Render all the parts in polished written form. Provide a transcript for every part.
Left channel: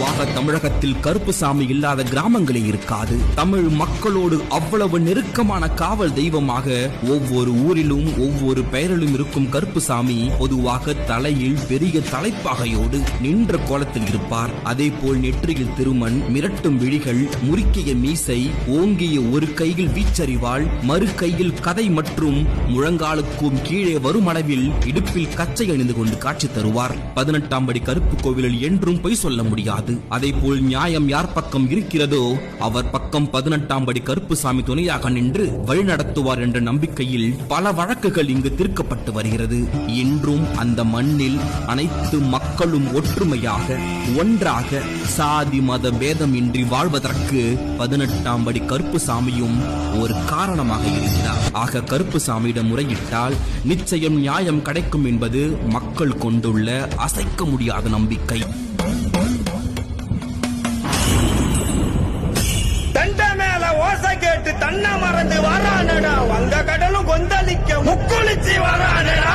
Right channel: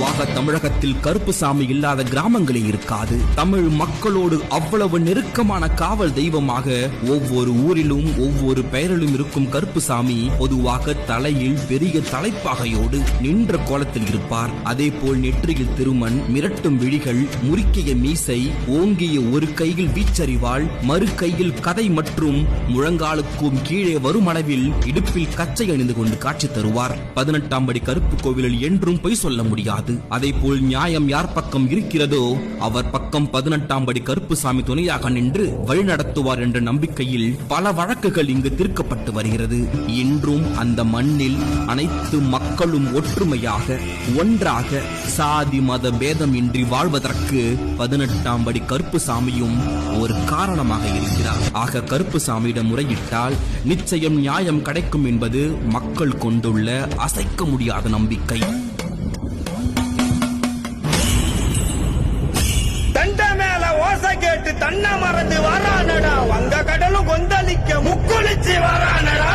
பொதுவாக தமிழகத்தில் கருப்புசாமி இல்லாத கிராமங்களே இருக்காது. தமிழ் மக்களோடு அவ்வளவு நெருக்கமான காவல் தெய்வமாக ஒவ்வொரு ஊரிலும் ஒவ்வொரு பெயரிலும் இருக்கும் கருப்புசாமி பொதுவாக தலையில் பெரிய தலைப்பாகையோடு நின்ற கோலத்தில் இருப்பார். அதே போல் நெற்றியில் திருமண், மிரட்டும் விழிகள், முறுக்கிய மீசை, ஓங்கிய ஒரு கையில் வீச்சறிவாள், மறு கையில் கதை மற்றும் முழங்காலுக்கும் கீழே வரும் அளவில் இடுப்பில் கச்சை அணிந்து கொண்டு காட்சி தருவார். 18ஆம் படி கருப்பு கோவிலில் என்றும் பொய் சொல்ல முடியாது. அதே போல் நியாயம் யார் பக்கம் இருக்கிறதோ அவர் பக்கம் 18ஆம் படி கருப்புசாமி துணையாக நின்று வழிநடத்துவார் என்ற நம்பிக்கையில் பல வழக்குகள் இங்கு தீர்க்கப்பட்டு வருகிறது. இன்றும் அந்த மண்ணில் அனைத்து மக்களும் ஒற்றுமையாக ஒன்றாக சாதி மத பேதம் இன்றி வாழ்வதற்கு 18ஆம் படி கருப்புசாமியும் ஒரு காரணமாக இருக்கிறார். ஆக கருப்புசாமியிடம் முறையிட்டால் நிச்சயம் நியாயம் கிடைக்கும் என்பது மக்கள் கொண்டுள்ள அசைக்க முடியாத நம்பிக்கை. தண்ட மேல ஓசை கேட்டு தன்ன மறந்து வரானடா, வங்க கடலும் கொந்தளிக்க முக்குளிச்சு வரானடா.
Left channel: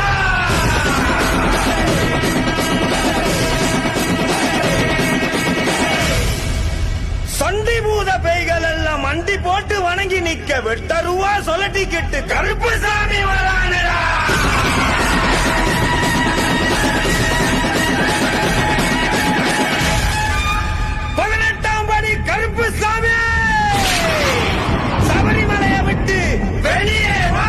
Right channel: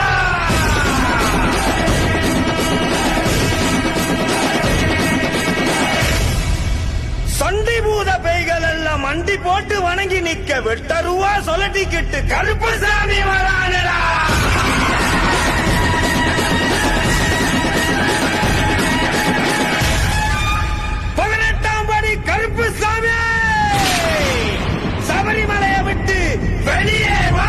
சண்டி பூத பேய்கள் எல்லாம் மண்டி போட்டு வணங்கி நிக்க வெட்டருவா சொல்லட்டிக்கிட்டு கருப்புசாமி வரானடா. கருப்புசாமி சபரிமலையை விட்டு வெளியே வா.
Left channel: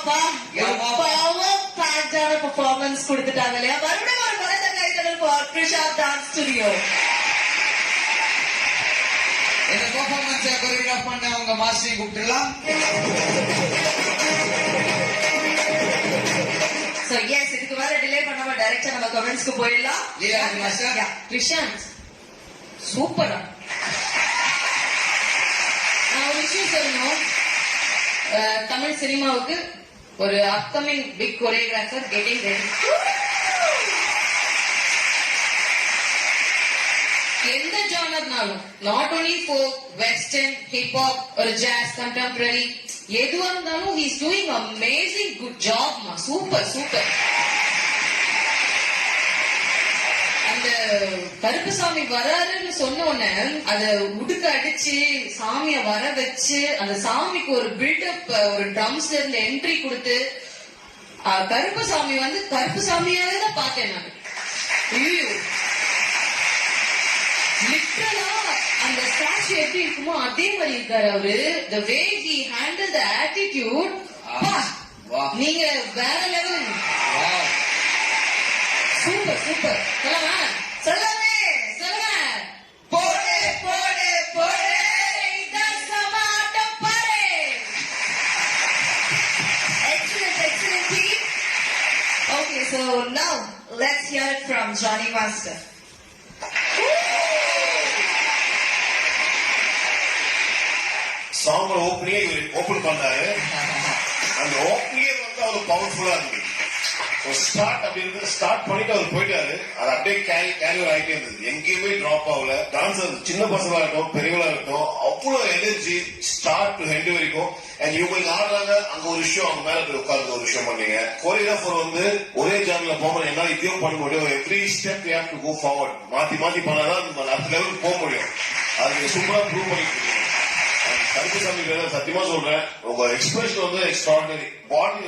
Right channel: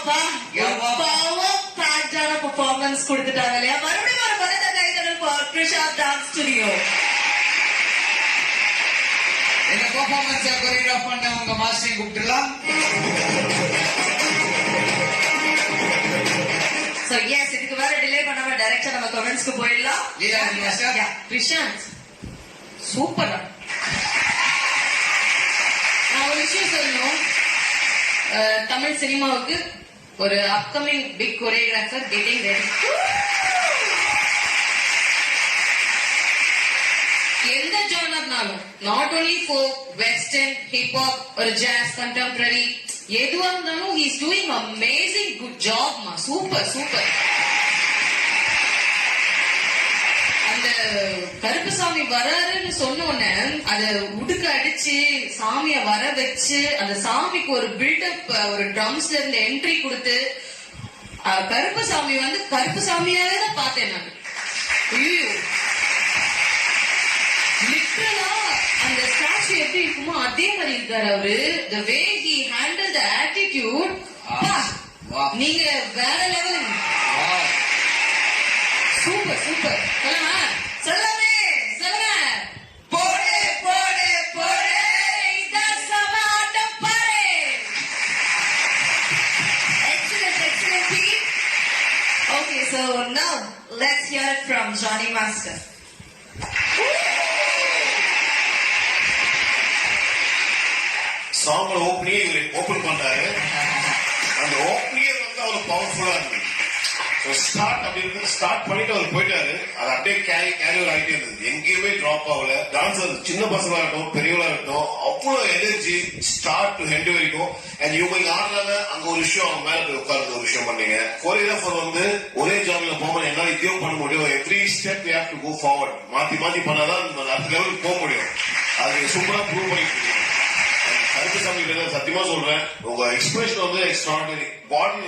அப்பா பவர் பேக்டான பெர்ஃபார்மன்ஸ் கொடுத்துட்டாங்க இல்லையா? மறுபடியும் ஒரு பலத்த கைதடல் ஃபார் கிருஷாந்த் டான்ஸ் ஸ்டுடியோ. இந்த பெர்ஃபார்மன்ஸ் கோரியோகிராஃப் பண்ண உங்க மாஸ்டரை கூப்பிட்டுலாம். சோ எஸ், இதுக்கு வேற டிலே பண்ணாம டைரக்டா நம்ம கமெண்ட்ஸ்க்கு போயிடலாம். லீலாவதி மாஸ்டர். கிருஷாந்த் சூப்பரா. நான் ஒரு விஷயம் சொல்லணும். தமிழ் சினிமாவுக்கு ஒரு upcoming big choreographer getting ready. எந்த ஜானர்னாலும், not only folk, western, hip hop, ஒரு ஜாஸ், கண்டெம்பரரி, எதுவா இருந்தாலும் he is doing amazing good job மா. Super super. அந்த கருப்புசாமி வராருன்னு சொன்ன உடனே அத உடுக்க அடிச்சு சாமிய வர வச்சு அந்த சாமிக்கு ஒரு பில்டப், ஒரு ட்ரம்ஸ்ல இருந்து என்ட்ரி கொடுத்து கருப்புசாமி வந்து கருப்புசாமியாவே தான் பார்த்தேன் நான். லிட்டரலா அந்த ஸ்டாச்சு எப்படி இருக்குமோ அதே மாதிரி இருக்காரு அவரு. the way he handled the attitude, நீங்க வேற லெவல். Super super. சொல்லமா சொல்லவே சொல்லுங்க. போடு போடு போடு இதான் சமாட்டம் பாரு. Excellent, excellent team. Okay, so now let's hear it from Johnny Master. சாங்கோட ஓப்பனிங்கே ஓபன் பண்றாரு. அந்த ஓப்பனியே வந்து அவரு பவர்ஃபுல்லா இருக்கு. ஸ்டார்ட் அப்படி இருக்கு, ஸ்டார்ட் பண்ணிட்டு அவர் போயிட்டாரு. அது அப்படியே கேரி ஆகிட்டே இருந்தது, எங்கேயுமே டிராப் ஆகல. டான்சர் சின்ன பசங்களா இருக்கட்டும் பெரியவங்களா இருக்கட்டும் அவ்வளவு எனர்ஜி ஸ்டார்ட் டு ஹெண்ட் வரைக்கும். அண்ட் இவங்க ஆடுறாங்க, அங்க ஒரு விஷயம், அவங்க மேல போய் உட்கார்ந்து ஒரு விஷயம் பண்ணீங்க. கோரியோகிராஃபர் வந்து ஒரே ஜாமில போக என்னால இதையும் பண்ண முடியும். Every step you have to go forward. மாத்தி மாத்தி பண்ணாதான் அடுத்த லெவலுக்கு போக முடியும். அது சூப்பரா ப்ரூவ் பண்ணிட்டு கருப்புசாமி சத்தியமா சொல்றேன், உங்க எக்ஸ்பிரஷன் வந்து எக்ஸ்ட்ராடினரி. பாடி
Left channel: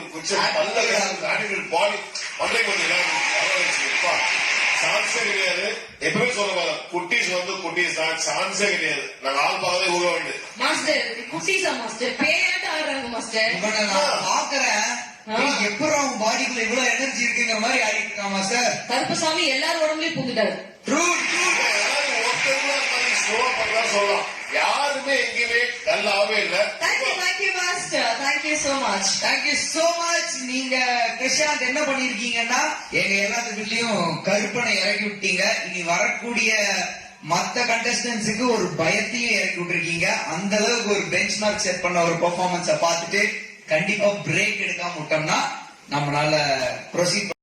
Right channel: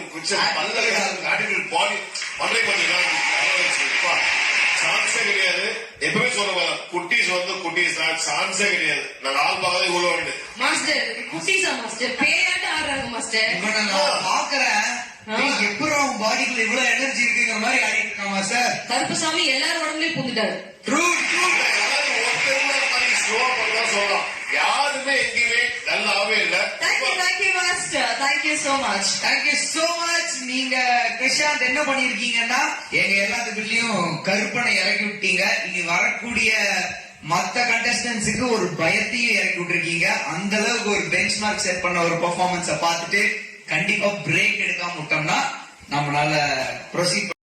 ஆட்டிடியூட், பாடி பண்றே பண்ணீங்கன்னா சான்ஸே கிடையாது. எப்பவுமே சொல்லுவாங்க குட்டீஸ் வந்து குட்டீஸ் தான், சான்ஸே கிடையாது. நாங்க ஆள் பார்க்கவே உள்ள வேண்டு மாஸ்டர். குட்டீஸா மாஸ்டர்? பேயாட்ட ஆடுறாங்க மாஸ்டர். நான் பாக்குறேன் எப்படி அவங்க பாடிக்குள்ள இவ்வளவு எனர்ஜி இருக்குங்கிற மாதிரி ஆடிட்டு இருக்கான் மாஸ்டர். கருப்புசாமி எல்லாரும் உடம்புலயும் புகுந்துட்டாரு. True true. சொல்லலாம், யாருமே எங்கேயுமே நல்லாவே இல்ல. Thank you master, thank you so much. Thank you so much. நீங்க கிருஷாந்த் என்ன பண்ணிருக்கீங்கன்னா எங்க எல்லாத்துக்குள்ளயும் கருப்பனை இறக்கி விட்டீங்க. இனி வரக்கூடிய மத்த கண்டஸ்டன்ஸுக்கு ஒரு பயத்தையும் இறக்கி விட்டுருக்கீங்க. அந்த அளவுக்கு ஒரு பெஞ்ச் மார்க் செட் பண்ண ஒரு பெர்ஃபார்மன்ஸ பார்த்துட்டு கண்டிப்பா பிரேக் எடுக்காம விட்டோம்னா நம்மளால ப்ரொசீட்